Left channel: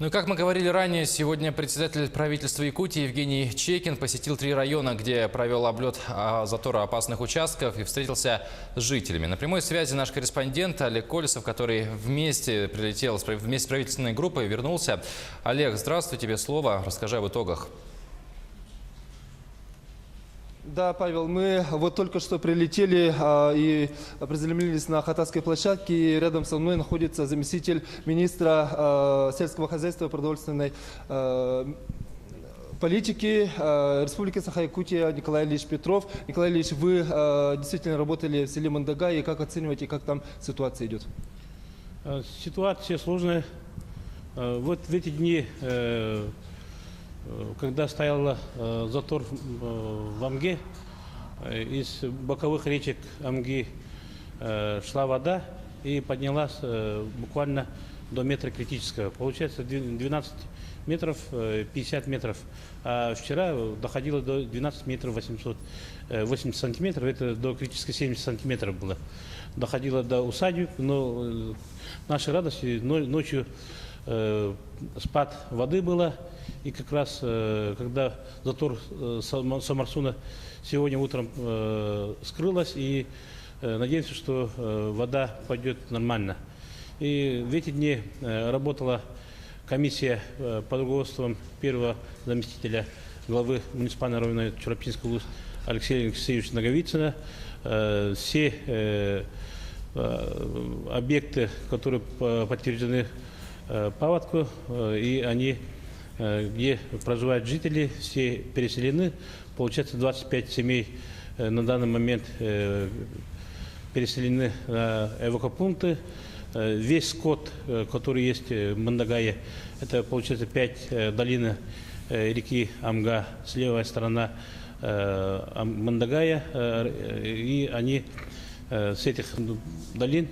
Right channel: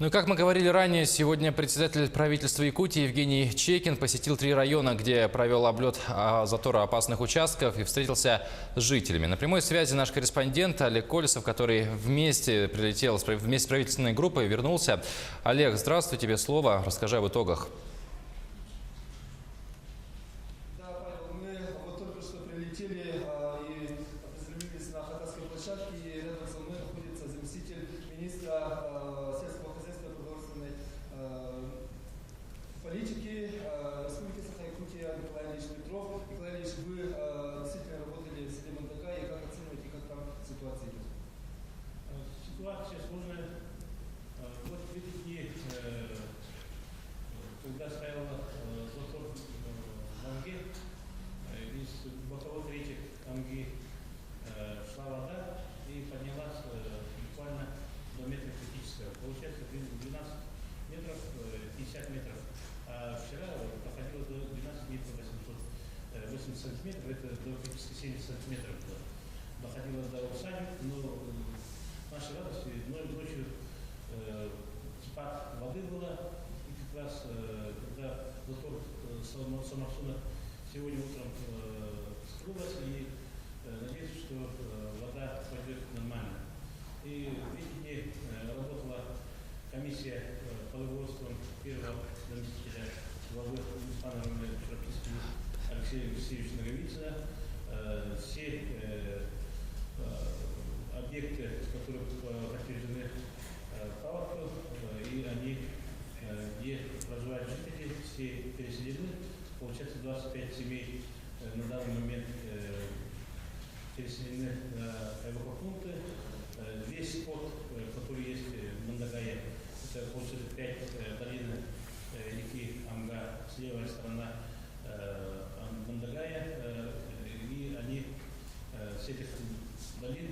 Ну и как мы говорили ранее, сегодня председатель правительства Якутии Евгений Чекин посетил 3 района, где провел облет затора опасных участков и встретился с жителями. На прямой связи наш корреспондент Олег Колесов, который вместе прилетел вместе с правительственной группой, вернулся. Олег, здравствуй, тебе слово. Расскажи об итогах. Да, Павел, мы вот только что прилетели и приземлились на Хатасской площадке. И рядом со мной находится заместитель министра сельского хозяйства и продовольственной политики Республики Саха-Якутия Николай Ильич Петров. Николай Ильич, вы действительно работали в селе Мандагай, и как оцениваете, как там ситуация идет? Ситуация сложная. Вот в эти дни, когда стоял затор в Амге, из боковых речек Амги шла вода и поднялась буквально до метра критического. Получается 12 метров 50 метров. А вчера доходило до 12 метров 80 сантиметров. Это до критической 70 сантиметров было. Доходило до усадьбы, но нашей радости ночью спад воды было. И как раз, когда затор Самарсуна сегодня утром скрылась, и надеемся, что вода пойдет нормально. И в эти дни работала комиссия под руководством первого заместителя главы муниципального района Чурапчинского Алексея Алексеевича Наговицына. Все объекты, которые подтверждены паводку, и они, где проживают жители, все переселены. Получается, 25 семей на данный момент переселены на эвакопункты. Весь скот, который есть в Мандагае, это, получается, 5 долин реки Амга, с левая сторона Мандагая, и они с этих долин,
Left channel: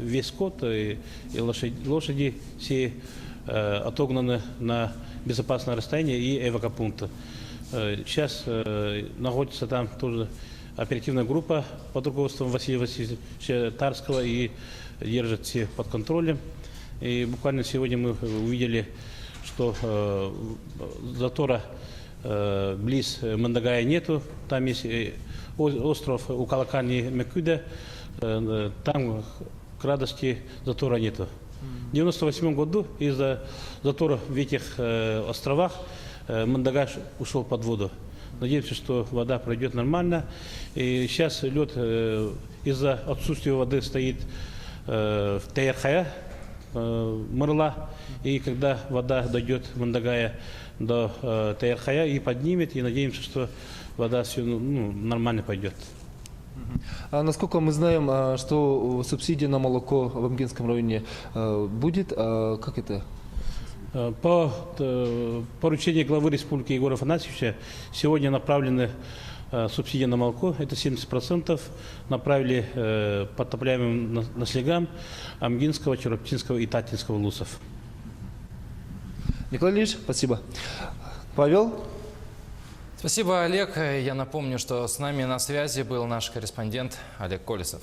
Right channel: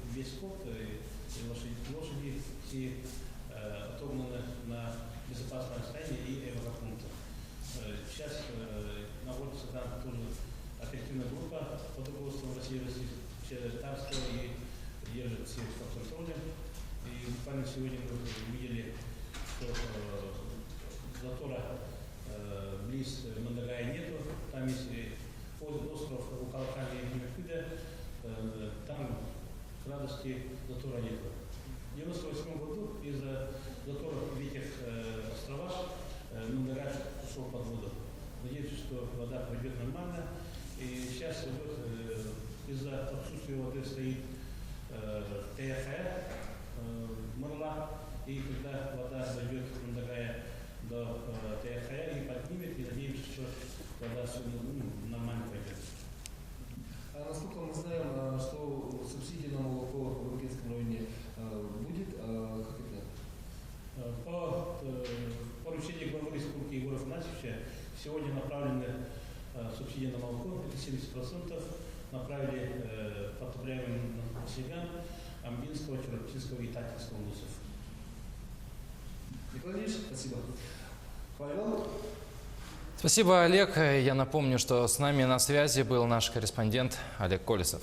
весь скот и лошади все отогнаны на безопасное расстояние и эвакопункты. Сейчас находится там тоже оперативная группа под руководством Василия Васильевича Тарского и держит все под контролем. И буквально сегодня мы увидели, что затора близ Мандагая нету. Там есть остров Укалакани-Мекюда, там к радости затора нету. В 1998 году из-за затора в этих островах Мандагай ушел под воду. Надеемся, что вода пройдет нормально. И сейчас лед из-за отсутствия воды стоит в Тейрхая, Мырла. И когда вода дойдет в Мандагая до Тейрхая и поднимет, и надеемся, что вода все нормально пойдет. Насколько мы знаем, что субсидия на молоко в Амгинском районе будет, как это? По поручению главы республики Егора Афанасьевича сегодня направлены субсидии на молоко, это 70%, направили подтопляемым наслегам Амгинского, Чурапчинского и Татинского лусов. Николай Ильич, спасибо. Павел? Спасибо, Олег. Я напомню, что с нами на связи был наш корреспондент Олег Колесов.